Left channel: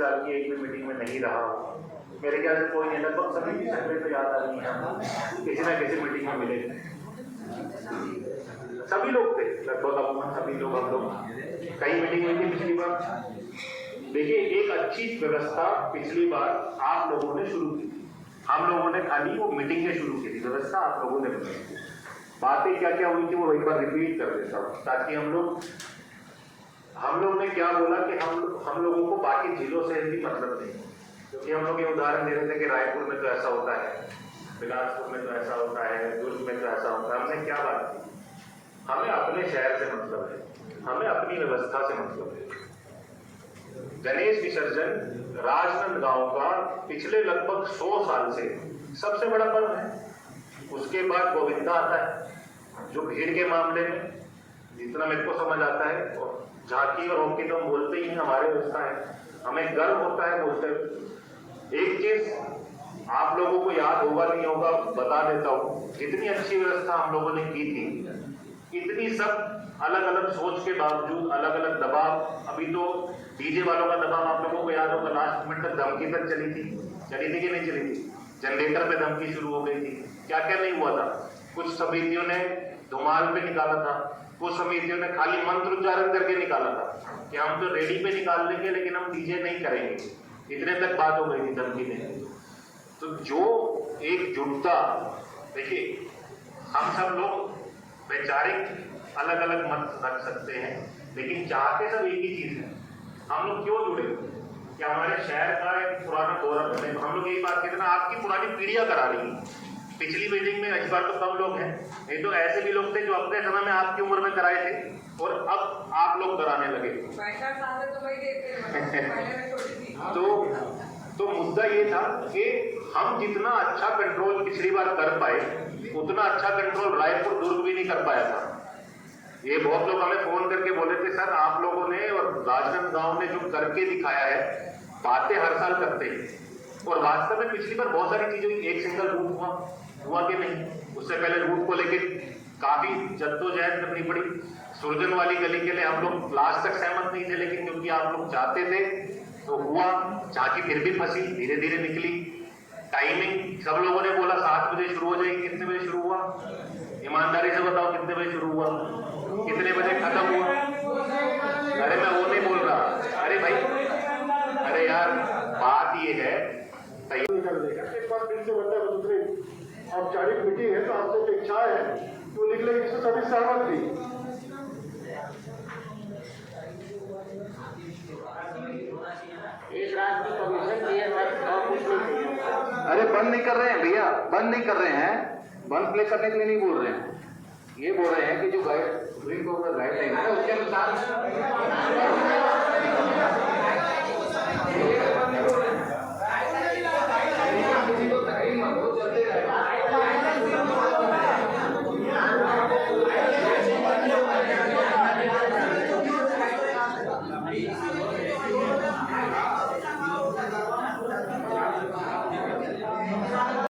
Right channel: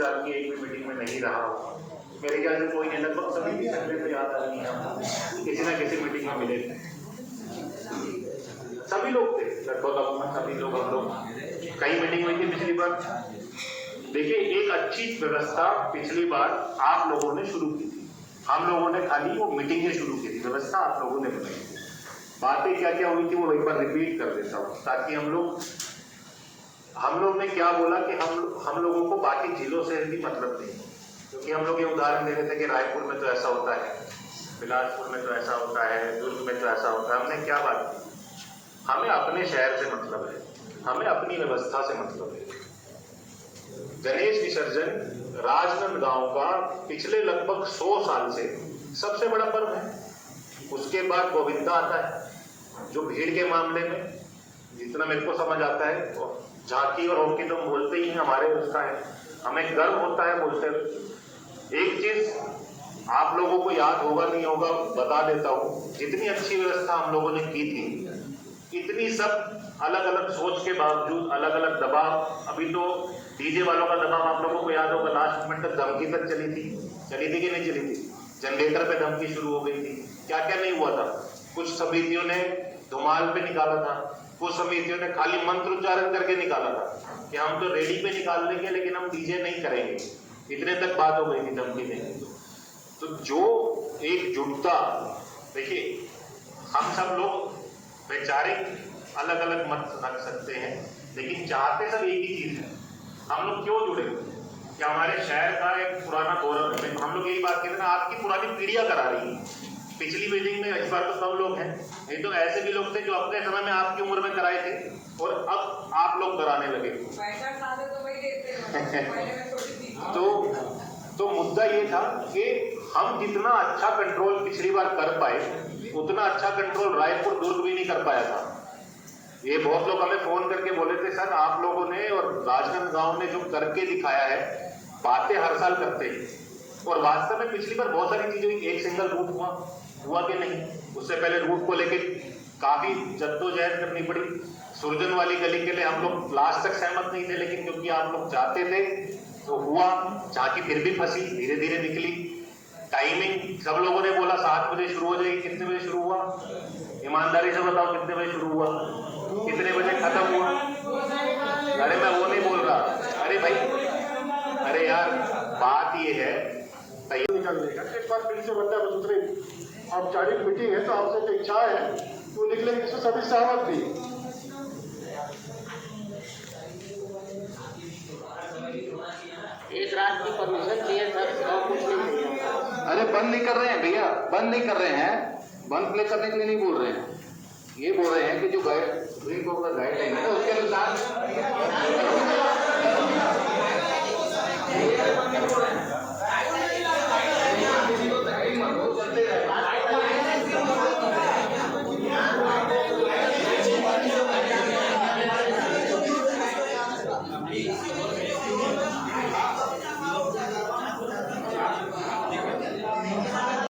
साल की एक भी मीटिंग में नहीं रहा हूँ। मेरे ख्याल से कोई नहीं, लगभग सभी की संख्या तो याद आ रही है, हम किसी ना किसी मीटिंग में मिले, सभी लोग थे, लगभग अमूमन सभी लोग, हम लोग कई मीटिंग हुई थी पिछली बार। देखिए, एक अच्छी व्यवस्था पिछली बार आप लोगों ने शुरू की थी, हम लोगों ने खाली वो मीटिंगें शुरू की थी, व्यवस्था आप लोगों ने बनाई थी। बातें क्या क्या हुई थी वो एक बार रिपीट कर देता हूँ, ताकि हम लोग ने क्या बोला कि हम लोगों को बाकी जिलों से भी मतलब नहीं, क्योंकि हम लोग ये उदाहरण दे रहे थे कि रायपुर में तो ऐसा होता है, बिलासपुर में तो ऐसा होता है, दुर्ग में तो ऐसा होता है। हमने क्या बात की, हमें अपने शहर से मतलब है, हमें अपनी व्यवस्था से मतलब है। गणेश विसर्जन राजनांदगांव का पिछले लगभग 100 साल से सबसे बड़ा पर्व है। उसके बाद गोविंदा आता है, जो भीड़ के मामले में जितना मेरे को समझ आता है, झांकी और होकी तो हम बोलते ही हमारे उसका है, हमें गर्व होता है बोलते हुए। एक चीज आप लोगों को याद होगा नहीं होगा, बता देता हूँ, जितनी अच्छी व्यवस्था हम लोगों ने की थी, इतनी सब अलग अलग सोच के बावजूद, अलग अलग दबाव, अभी तो डीजे वालों का दबाव आप लोगों को याद होगा, लास्ट मिनट तक धमकी तक चली थी कि नहीं चली थी, जनरेटर पे धमकी शुरू हो गई थी, क्या क्या नहीं हुआ था। कुछ समितियों ने धुमाल पे निकाला था, कुछ समितियों ने खाली मंत्र उच्चारण करके निकाला था कि हम तो रेडी पे निकाल लेंगे लेकिन हम डीजे नहीं करेंगे, इतने तक बात हो गई थी धमकी देने। तो जो एकजुटता, देखिए हम सब लोग वैचारिक अलग अलग मत रख सकते हैं, लेकिन चाहते सब एक ही चीज है। हम लोग क्यों जुड़े कि हमारे शहर का एक पुराना गौरव है। हम लोग यही बात कहते हैं ना, आपकी पुरानी पीढ़ियां करा रही है। पिछली मीटिंग में इस बार तो कम लोग हैं, नहीं तो ऐसे भी लोग थे जो अपने समय में आपकी उम्र में कराए थे और अब आप लोग कराने लगे। तो मुद्दा ये था कि हम जितना अच्छा कंट्रोल पिछली बार कर पाए, उतना अच्छा कंट्रोल रायपुर दुर्ग भी नहीं कर पाया था। ये बहुत लोग हमें फोन करके बोले थे, सर आप लोगों ने और राजनांदगांव ने जो करके दिखाया है, बातें हर साल करते हैं और वास्तव में पिछली बार बहुत सारी चीजें, एक सिंगल रूट हुआ कि नहीं, उससे पहले रूट को लेकर काफी जद्दोजहद करनी पड़ी। सुरजन वाली गली के लिए हम लोग लास्ट तक सहमत नहीं थे, लेकिन क्योंकि आप लोग चाहते थे तो हुआ। झांकी फिर भी फंसी, धीरे धीरे निकली। टाइमिंग सब लोगों ने बोला 7 बजे शुरू हो जाएगी, कितने बजे शुरू हुआ? ईमानदारी से बताओ कितने बजे शुरू हुआ, कितने बजे खत्म हुआ? अरे मैं वो नहीं बोल रहा, अरे भाई, अरे यार बात ये है निकलने का। एक बार फिर से बंदा दूसरे औपचारिक मीटिंग है तो आपसे जो इच्छा है वो निकले, इसमें सभी सहमत थी। एक रात की परमिशन चाहिए, कुछ नहीं। अरे बंद नहीं कर रहे हैं भैया, बंद नहीं कर रहे हैं, बंद प्ले करने के लिए नहीं बोल रहे हैं। ये बोल रहे हैं कि जो सुप्रीम कोर्ट का गाइडलाइन है